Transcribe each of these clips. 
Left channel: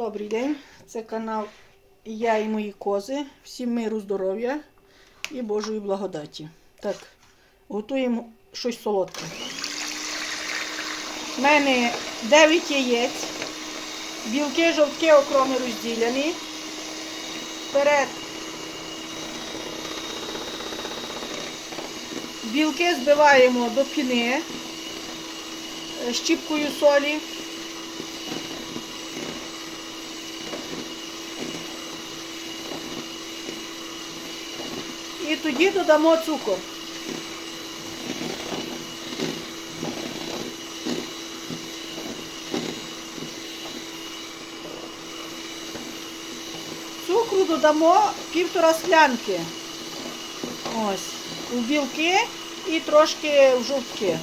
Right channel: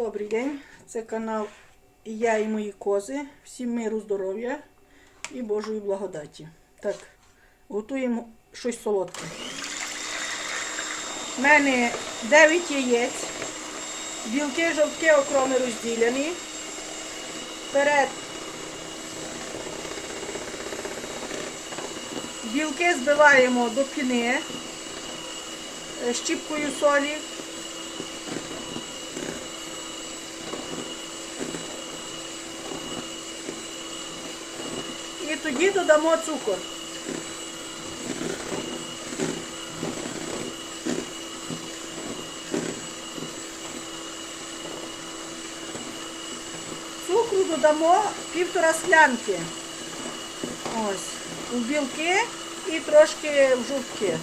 Добрий день, це канал Я і мої кози. Всім миру, здоров'я і Божої благодаті. Так, готуємо щось солодке. У мене 9 яєць, білки, жовтки окроми розділені. Вперед білки збиваємо до піни е, щіпкою солі. І тоді додамо цукор. Цукру додамо півтора склянки. Ось. У білки і трошки в жовтки.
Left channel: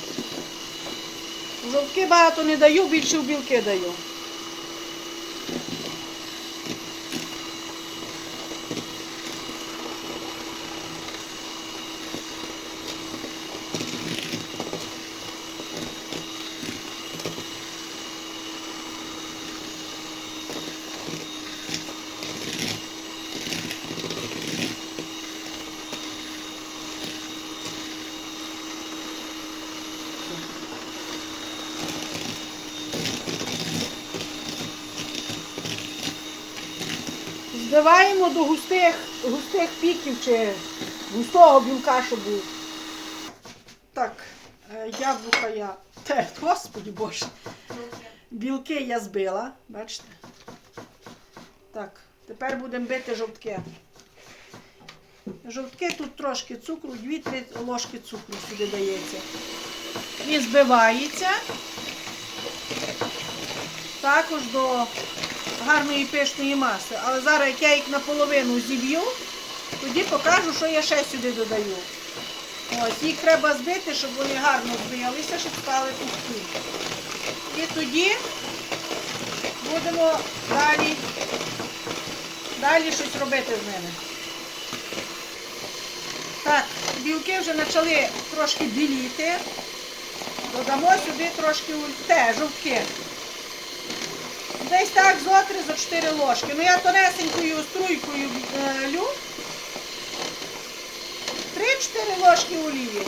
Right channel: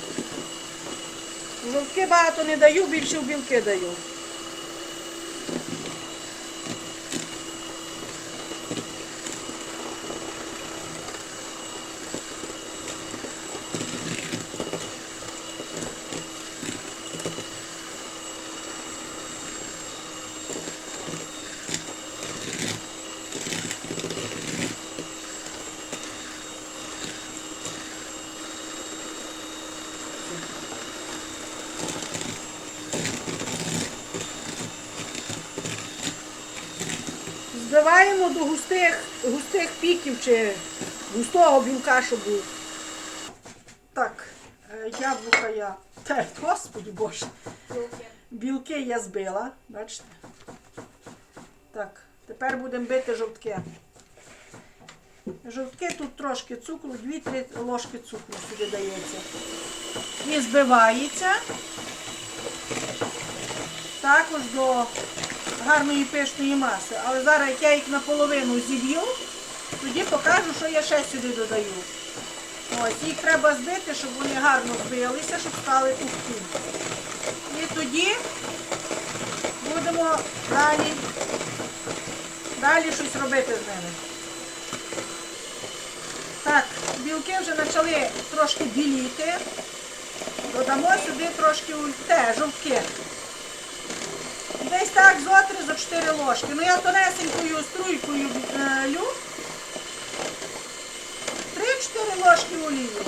В жовтки багато не даю, більше в білки даю. Збиваємо до густих, густих піків чи густого білка, щоб був. Так, е, яблука я терт, господи боже. Білки я збила, бачите? Так, тепер будемо бити жовтки. Жовтки тут трошки цукру, 2-3 ложки цукру сюди дається. І збивається також до гарної пишної маси. Але зараз, як я їх наполовину зіб'ю, тоді покажу, що я ще сюди додаю. Ось, їх треба збити, щоб вони гарно збилися, щоб стали пухкі. І тоді будемо далі, далі щось робити з ними. Так, білки вже почали трошки біліти. Додамо сюди трошки те, жовтки. Десь так зо три, зо 4 ложки. Ну я тонесенькою струйкою е, лю. 3-4 ложки олії.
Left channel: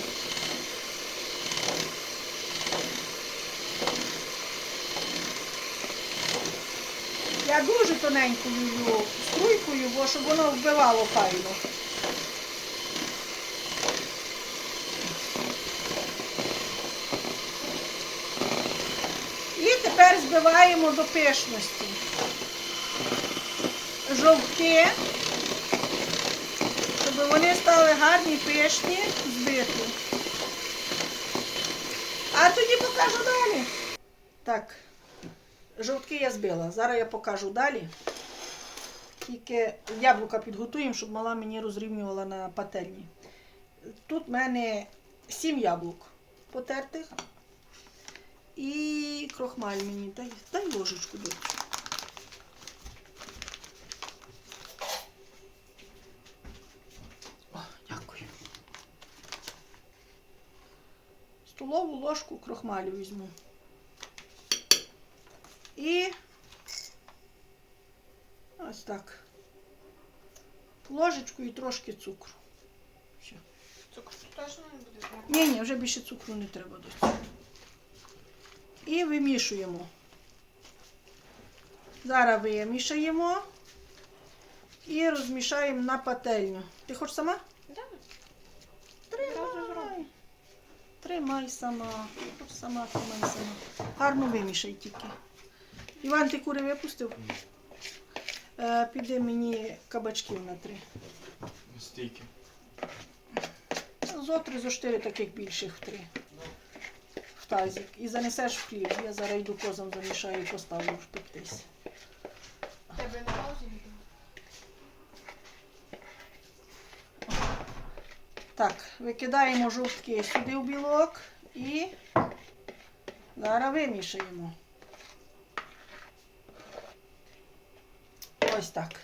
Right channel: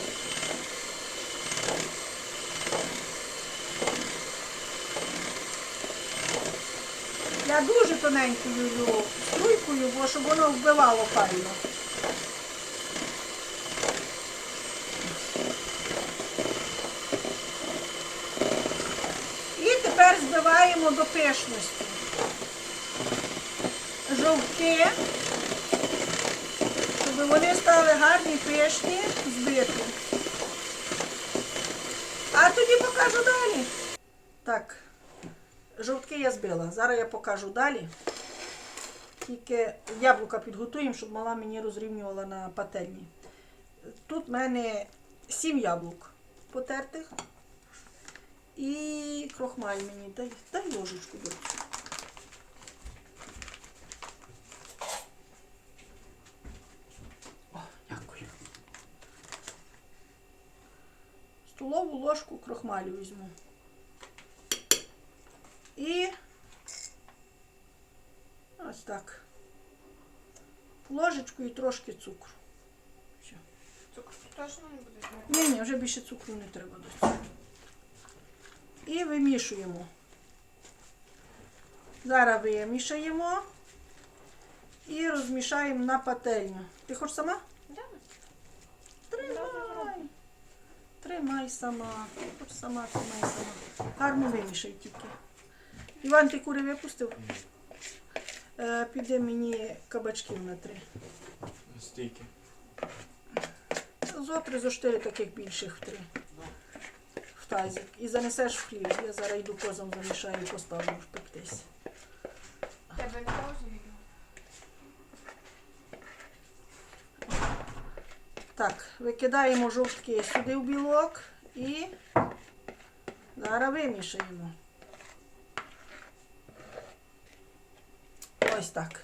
Я дуже тоненькою струйкою, бо щоб воно вбивало файно. І тепер збиваємо до пишності. Жовтки, щоб вони стали гарні пишні, збиті. А тоді покажу далі. Так, жовтки я збила. Зараз я покажу далі. Тільки яблука підготуємо, щоб мала мені розрівнювала на пательні. Тут в мене сім яблук потертих. І крохмаль мені. Дай, дай ложечку. Дай. О, дякую. Столову ложку крохмалю візьму. І ось так. Ложечку і трошки цукру. Все. Цукру точно не буде знати. Ні, ні, вже більше цукру не треба до цього. І вимішуємо. Зараз вимішаємо і розмішаємо на пательню. Ти хочеш сама? Да. Тримай. Тримай сама. Хоч сама, тримай сама. Гарно вимішай тільки. Іван, ти кури випустив? Е, піде мені кабачків на три. Стільки. Зо три, зо чотири таких більших в три. Тазик. І занесеш в хліб. Я зараз йду козам замішаю і поставлю впектись. Тебе не паузі? Так, викидаємо жовтки сюди в білок і зараз вимішаємо. Ось так.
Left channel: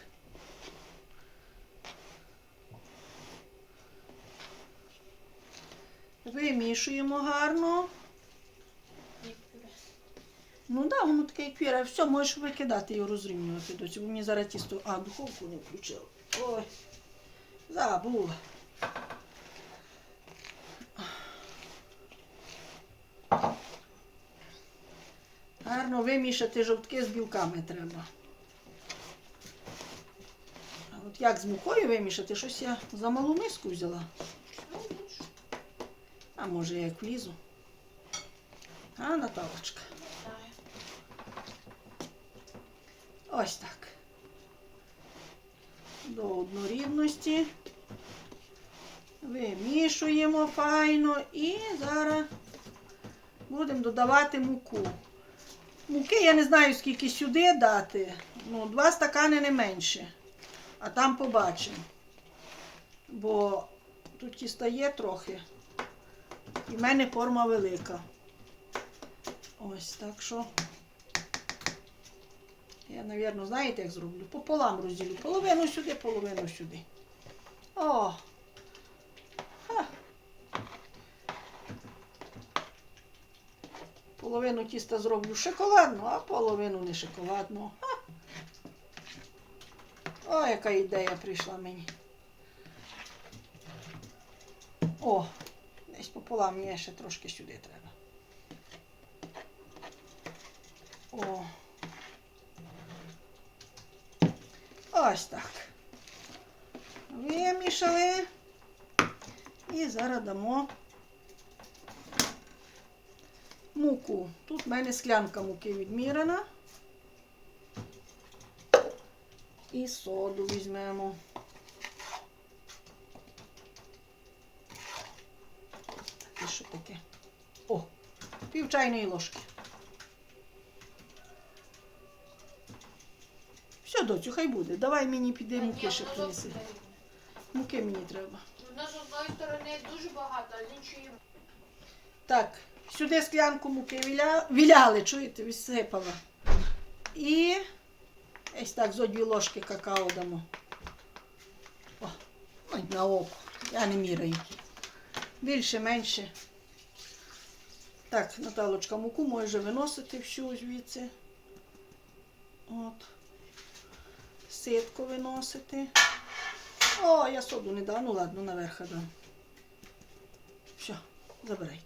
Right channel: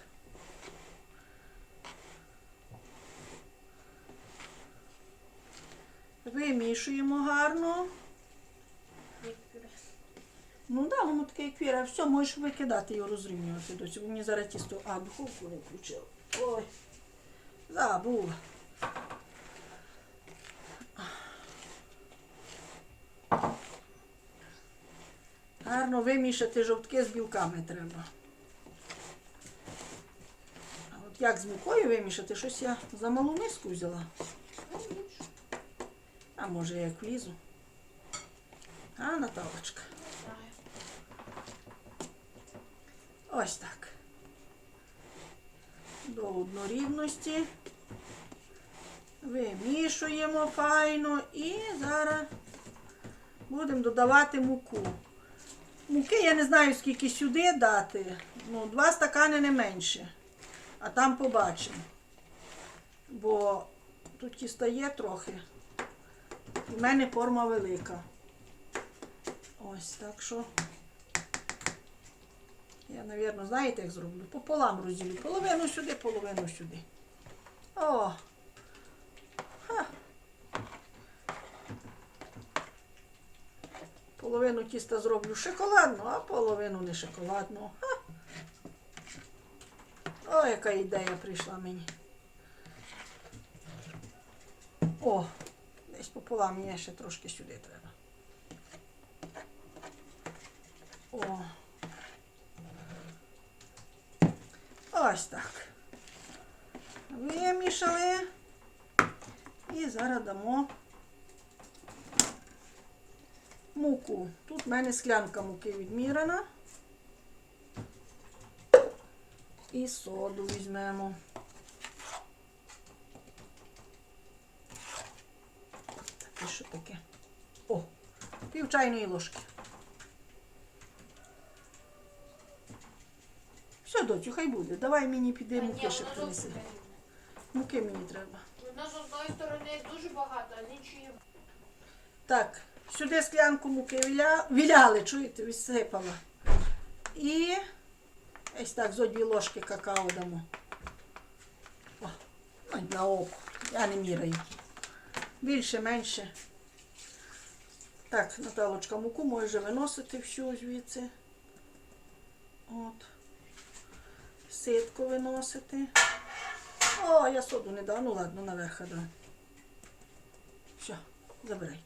Вимішуємо гарно. Ну так, да, воно таке як віра. Все, можеш викидати і розрівнювати до цього. Мені зараз тісто. А, духовку не включила. Ой. Забула. Гарно вимішати жовтки з білками треба. А от як з мукою вимішати? Щось я за малу миску взяла. А може я як влізу? А, Наталочка. Ось так. До однорівності. Вимішуємо файно і зараз будемо додавати муку. Муки я не знаю, скільки сюди дати. Ну, два стакани не менше. А там побачимо. Бо тут тіста є трохи. І в мене форма велика. Ось так що. Мабуть, знаєте, як зроблю? Пополам розділю. Половину сюди, половину сюди. О! Ха. Половину тіста зроблю шоколадну, а половину не шоколадну. О, яка ідея прийшла мені. О, десь пополам мені ще трошки сюди треба. О. Ось так. Вимішали. І зараз дамо муку. Тут в мене склянка муки відмірена. І соду візьмемо. І що таке? О, пів чайної ложки. Доцю, хай буде. Давай мені піди муки ще принеси. Муки мені треба. Вона з одної сторони дуже багато, а з іншої. Так, сюди склянку муки віля... віляли, чуєте, висипала. І ось так зо дві ложки какао дамо. О, на око. Я не міряю. Більше, менше. Так, Наталочка, муку може виносити всю звідси. От. Ситку виносити. О, я соду не дам. Ну ладно, наверх дам. Все, забирайте.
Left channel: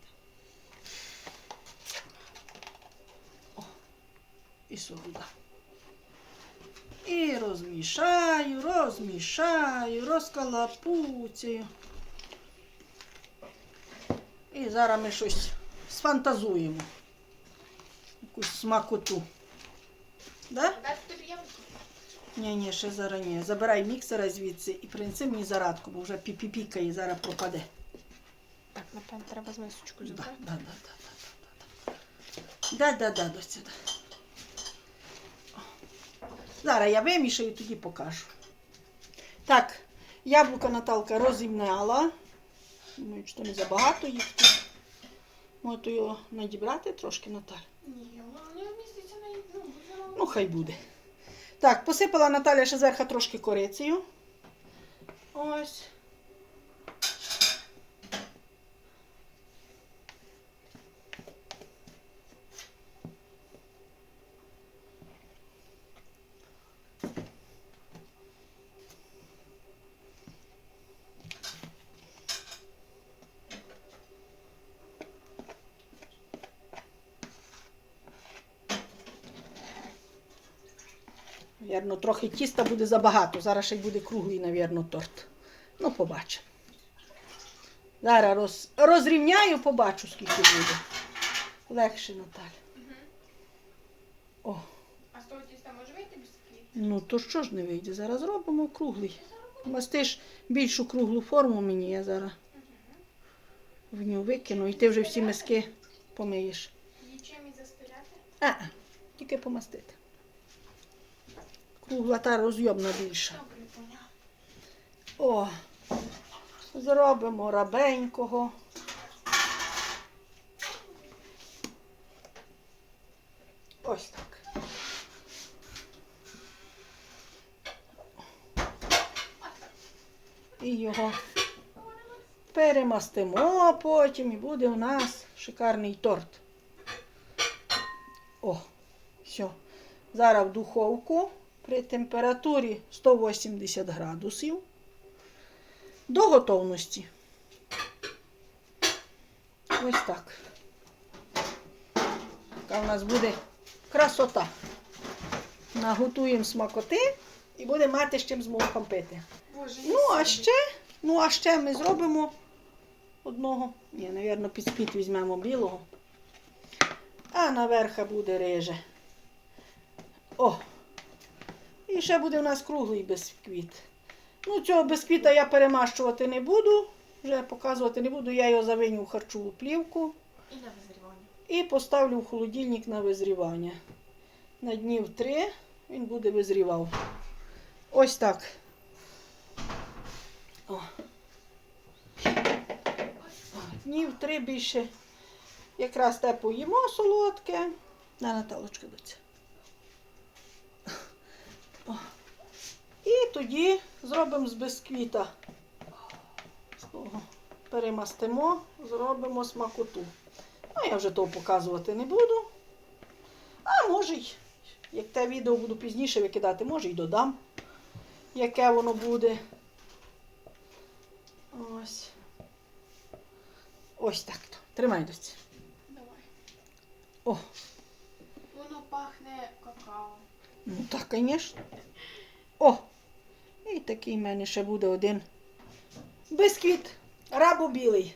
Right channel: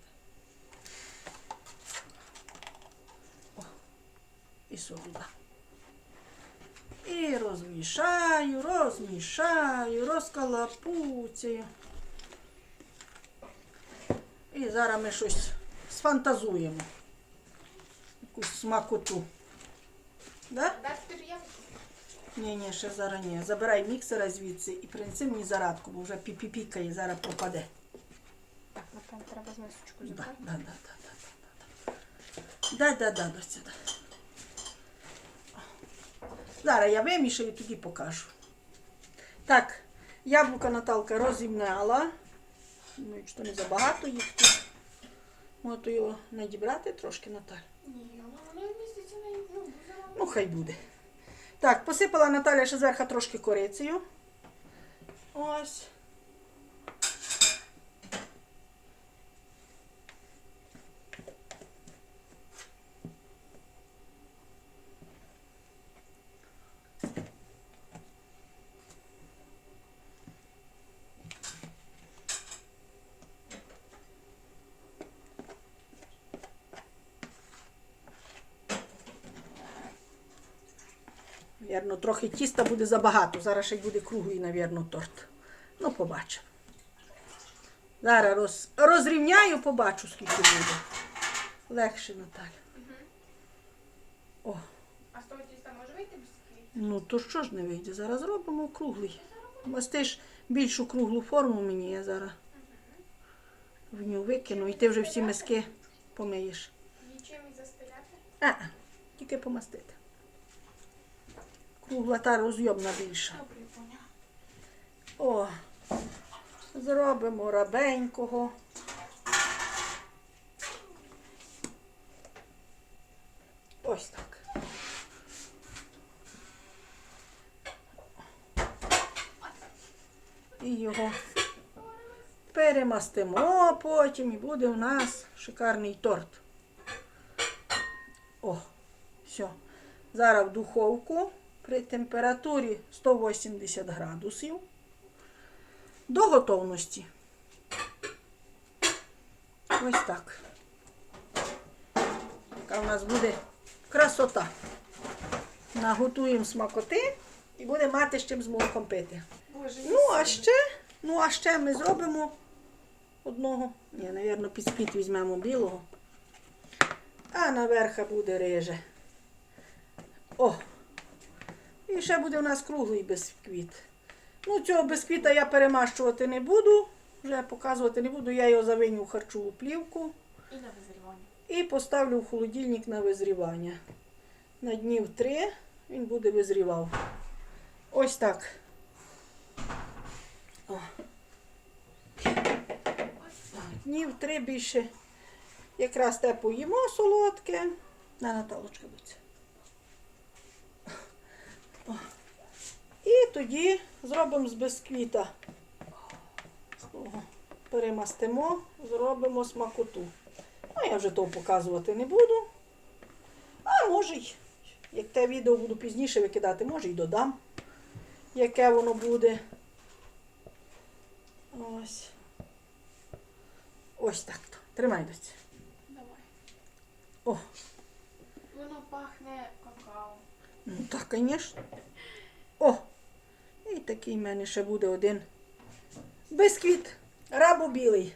О, і соду дам. І розмішаю, розмішаю, розкалапуцяю. І зараз ми щось сфантазуємо. Якусь смакоту. Да? Ні, ні, ще зараз ні. Забирай міксера звідси і принеси мені зарадку, бо вже піпіпікає, зараз пропаде. Так, напевно, треба з мисочкою Да, да, да, да, да, да. Да, да, да, до сюди. Зараз я вимішаю, тоді покажу. Так, яблука Наталка розімняла. Думаю, що не забагато їх тут. Можу його надібрати трошки, Наталь. Ні, воно не вміститься на ну, Ну, хай буде. Так, посипала Наталя ще зверху трошки корицею. Ось. Вірно, трохи тіста буде забагато. Зараз ще й буде круглий, навірно, торт. Ну, побачимо. Зараз роз... розрівняю, побачу, скільки буде. Легше, Наталя. О, А з того тіста може вийти без ну то що ж не вийде? Зараз робимо круглий. Мастиш більшу круглу форму мені, я зараз в нього викину, і ти вже всі миски помиєш. Нічим і заспиляти? А, тільки помастити. Кругла та розйомна більша. О, зробимо рабенького. Ось так. І його перемастимо потім і буде у нас шикарний торт. О, Все. Зараз в духовку при температурі 180 градусів до готовності. Ось так. Така в нас буде красота. Наготуємо смакоти і будемо мати з чим з молоком пити. Боже, Ну, а ще, ну, а ще ми зробимо одного. Ні, напевно, під спід візьмемо білого. А наверха буде риже. О! І ще буде у нас круглий бісквіт. Ну, цього бісквіта я перемащувати не буду. Вже показувати не буду. Я його завиню в харчову плівку І на визрівання. і поставлю в холодильник на визрівання. На днів три він буде визрівав. Ось так. О. Днів три більше. Якраз те поїмо солодке. На Наталочка доця. І тоді зробимо з бисквіта. Перемастимо, зробимо смакоту. Ну, я вже того показувати не буду. А може й, як те відео буду пізніше викидати, може й додам, яке воно буде. Ось. Ось так. то. Тримай доці. Давай. О, Воно пахне так, звісно. О! І такий в мене ще буде один бисквіт. Рабо білий.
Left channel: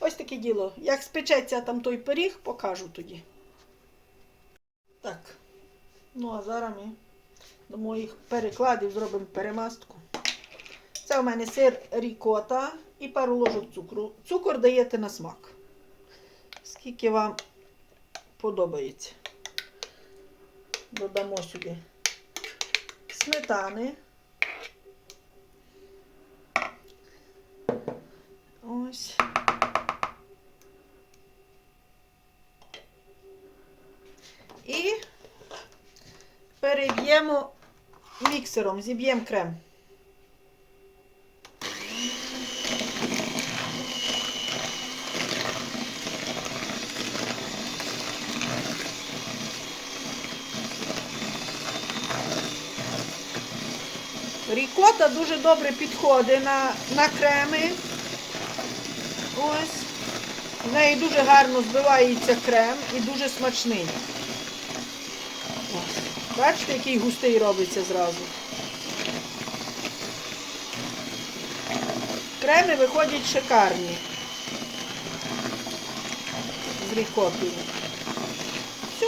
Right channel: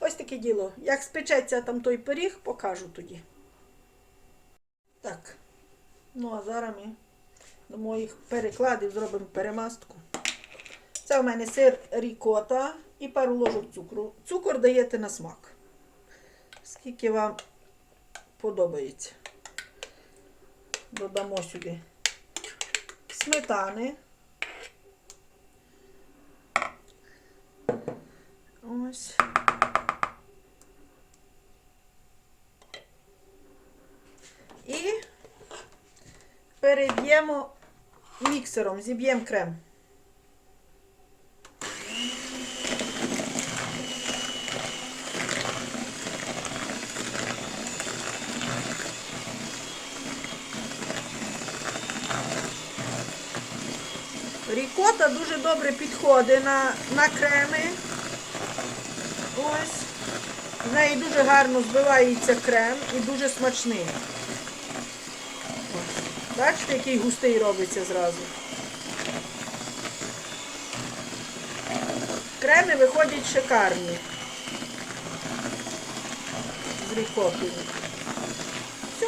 Ось таке діло. Як спечеться там той пиріг, покажу тоді. Так. Ну, а зараз ми до моїх перекладів зробимо перемастку. Це у мене сир рікота і пару ложок цукру. Цукор даєте на смак. Скільки вам подобається. Додамо сюди сметани. Ось. І переб'ємо міксером, зіб'ємо крем. Рікота дуже добре підходить на, на креми. Ось. В неї дуже гарно збивається крем і дуже смачний. Ось. Бачите, який густий робиться зразу. Креми виходять шикарні. З рікотою. Все.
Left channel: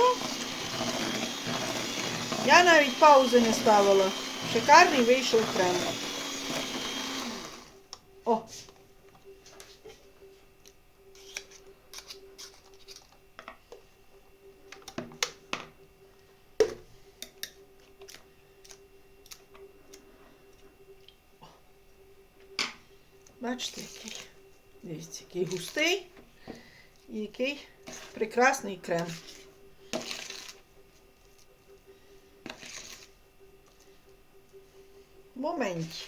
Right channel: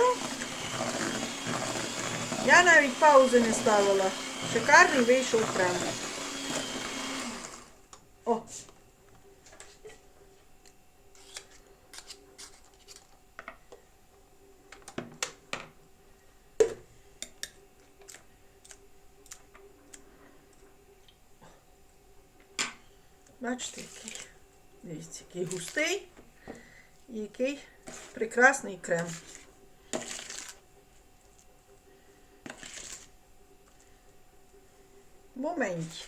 Я навіть паузи не ставила. Шикарний вийшов крем. О! Бачите, який. Дивіться, який густий і який прекрасний крем. Моменті.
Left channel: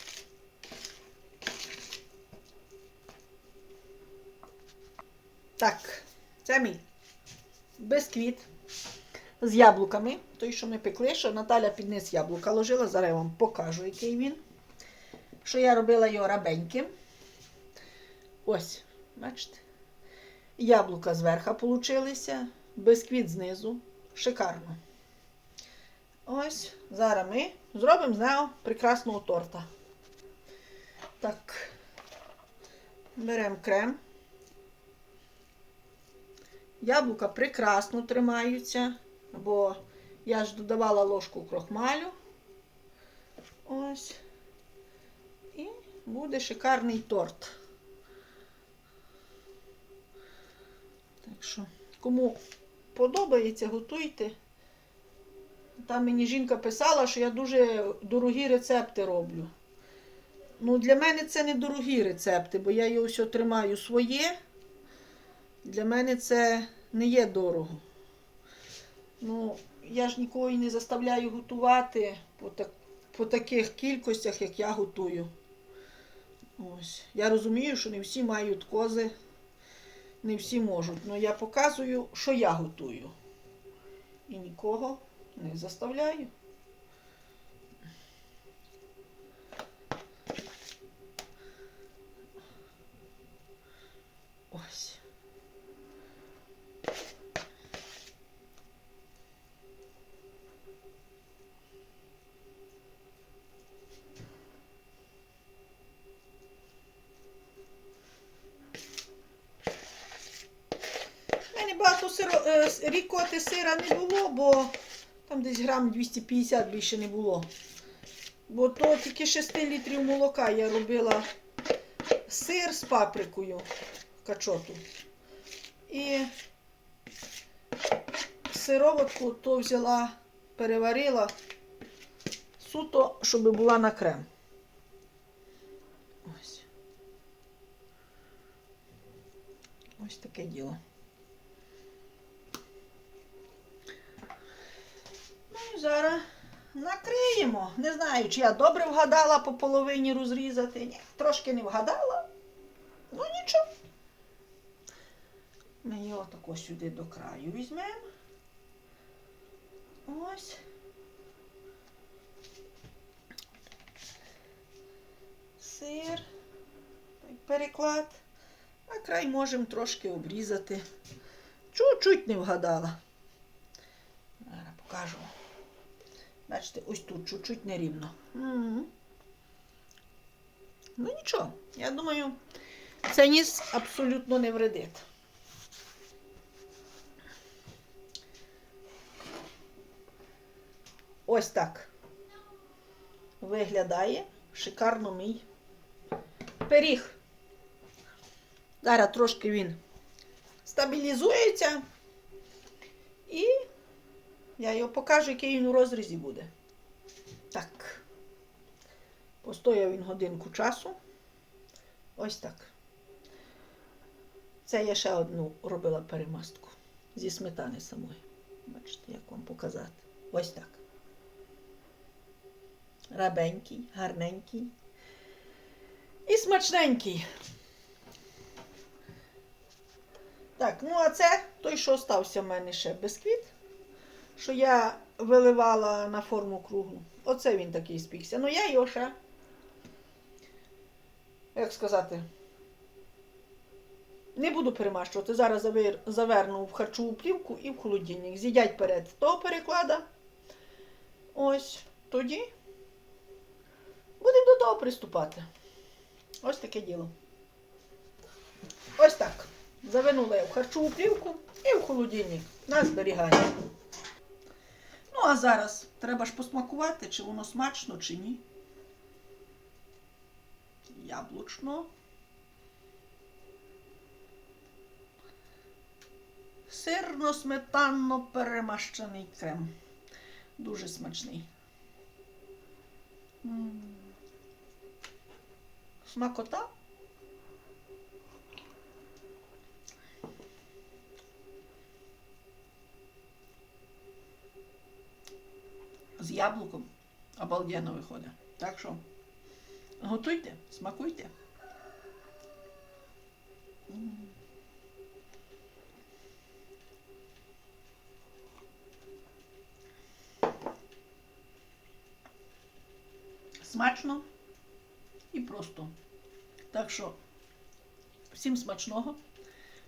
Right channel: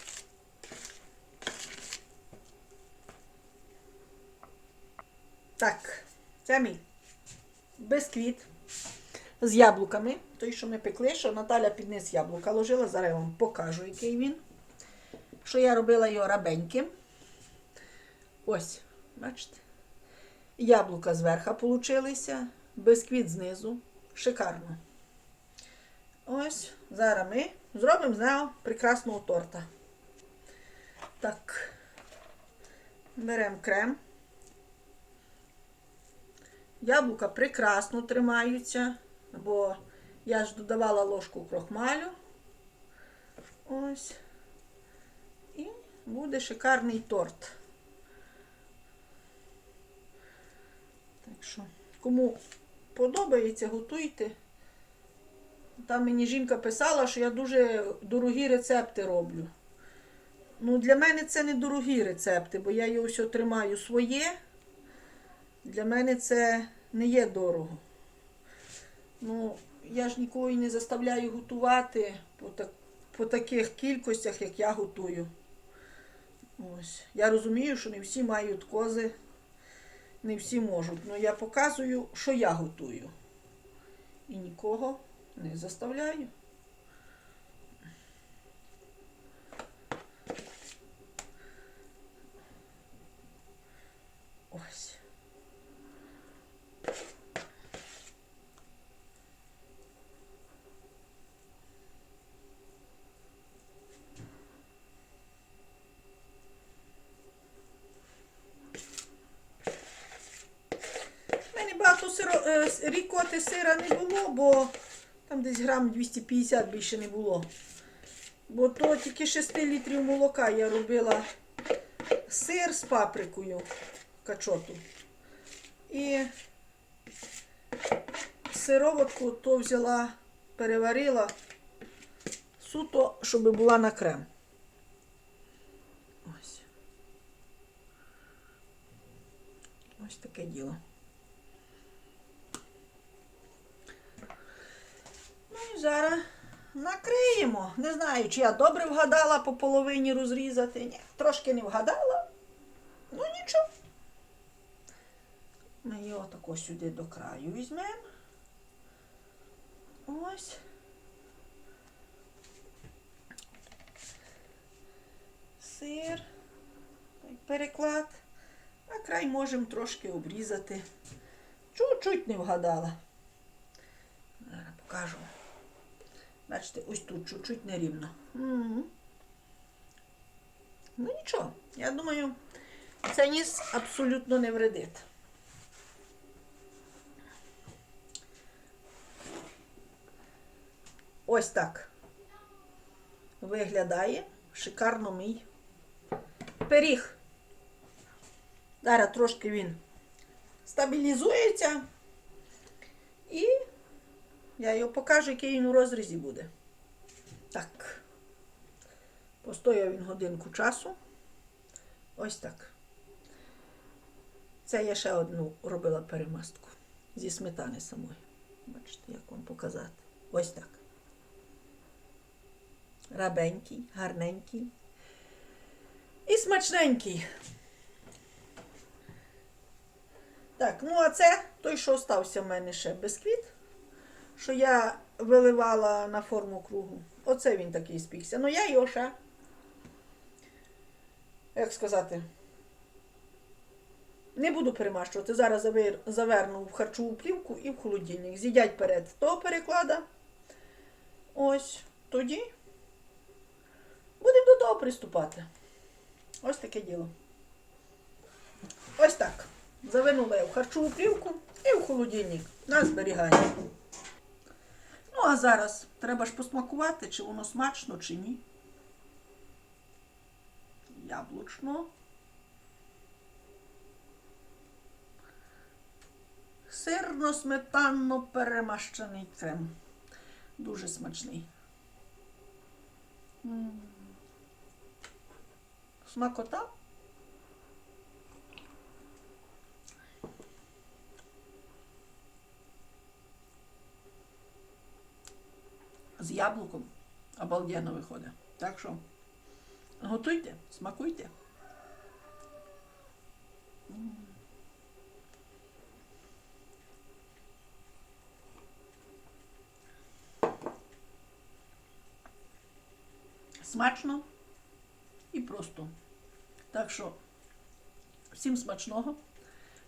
Так, це мій бисквіт з яблуками. Той, що ми пекли, що Наталя під низ яблука ложила. Зараз я вам покажу, який він. Що я робила його рабеньким. Ось, бачите? Яблука зверху получилися, бисквіт знизу. Шикарно. Ось, зараз ми зробимо з нього прекрасного торта. Так, беремо крем. Яблука прекрасно тримаються, бо я ж додавала ложку крохмалю. Ось. І буде шикарний торт. Так що, кому подобається, готуйте. Там мені жінка писала, що я дуже дорогі рецепти роблю. Ну, для мене це не дорогі рецепти, бо я його все тримаю своє. Для мене це не є дорого. Ну, я ж нікого і не заставляю готувати по, так, по таких кількостях, як я готую. Ось. Я розумію, що не всі мають кози, не всі можуть. але я показую, що я готую. І нікого Не заставляю. Ось. У мене багато сиро, е, с- рікоти сира не було, бо там десь грам 250 більше не було. Бо то тільки 6 літрів молока я робила сир з паприкою качоту. І сироватку то взяла, переварила суто, щоб була на крем. Ось. Ось таке діло. Ну і зараз накриємо. Не знаю, чи я добре вгадала по половині розрізати. Ні, трошки не вгадала. Ну нічого. Ми його тако сюди до краю візьмемо. Ось. Сир. Переклад. А край можемо трошки обрізати. Чуть-чуть не вгадала. Зараз покажу. Бачите, ось тут чуть-чуть нерівно. Мгм. Ну нічого, я думаю, це ніс абсолютно не вредить. Ось так виглядає шикарно мій пиріг. Зараз трошки він стабілізується я його покажу, який він у розрізі буде. Так. Постояв він годинку часу. Ось так. Це я ще одну робила перемастку зі сметани самої. Бачите, як вам показати. Ось так. Рабенький, гарненький. І смачненький. Так, ну а це той, що остався в мене ще бисквіт що я виливала на форму кругу. Оце він такий спікся. Ну я його ще, як сказати, не буду перемащувати. Зараз заверну в харчову плівку і в холодильник. З'їдять перед того переклада. Ось тоді будемо до того приступати. Ось таке діло. Ось так. Завинула я в харчову плівку і в холодильник на зберігання. А зараз треба ж посмакувати, чи воно смачно, чи ні. Яблучно. Сирно-сметанно перемащений крем. Дуже смачний. М. Смакота. З яблуком обалденно виходить. Так що готуйте, смакуйте. Смачно і просто. Так що всім смачного.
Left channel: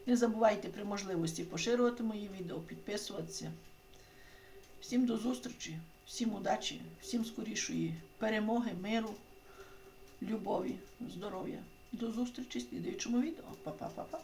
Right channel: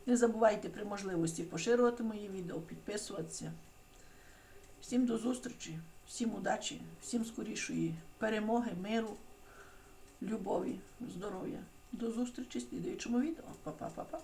Не забувайте при можливості поширювати мої відео, підписуватися. Всім до зустрічі, всім удачі, всім скорішої перемоги, миру, любові, здоров'я. До зустрічі в слідуючому відео. Па-па-па-па.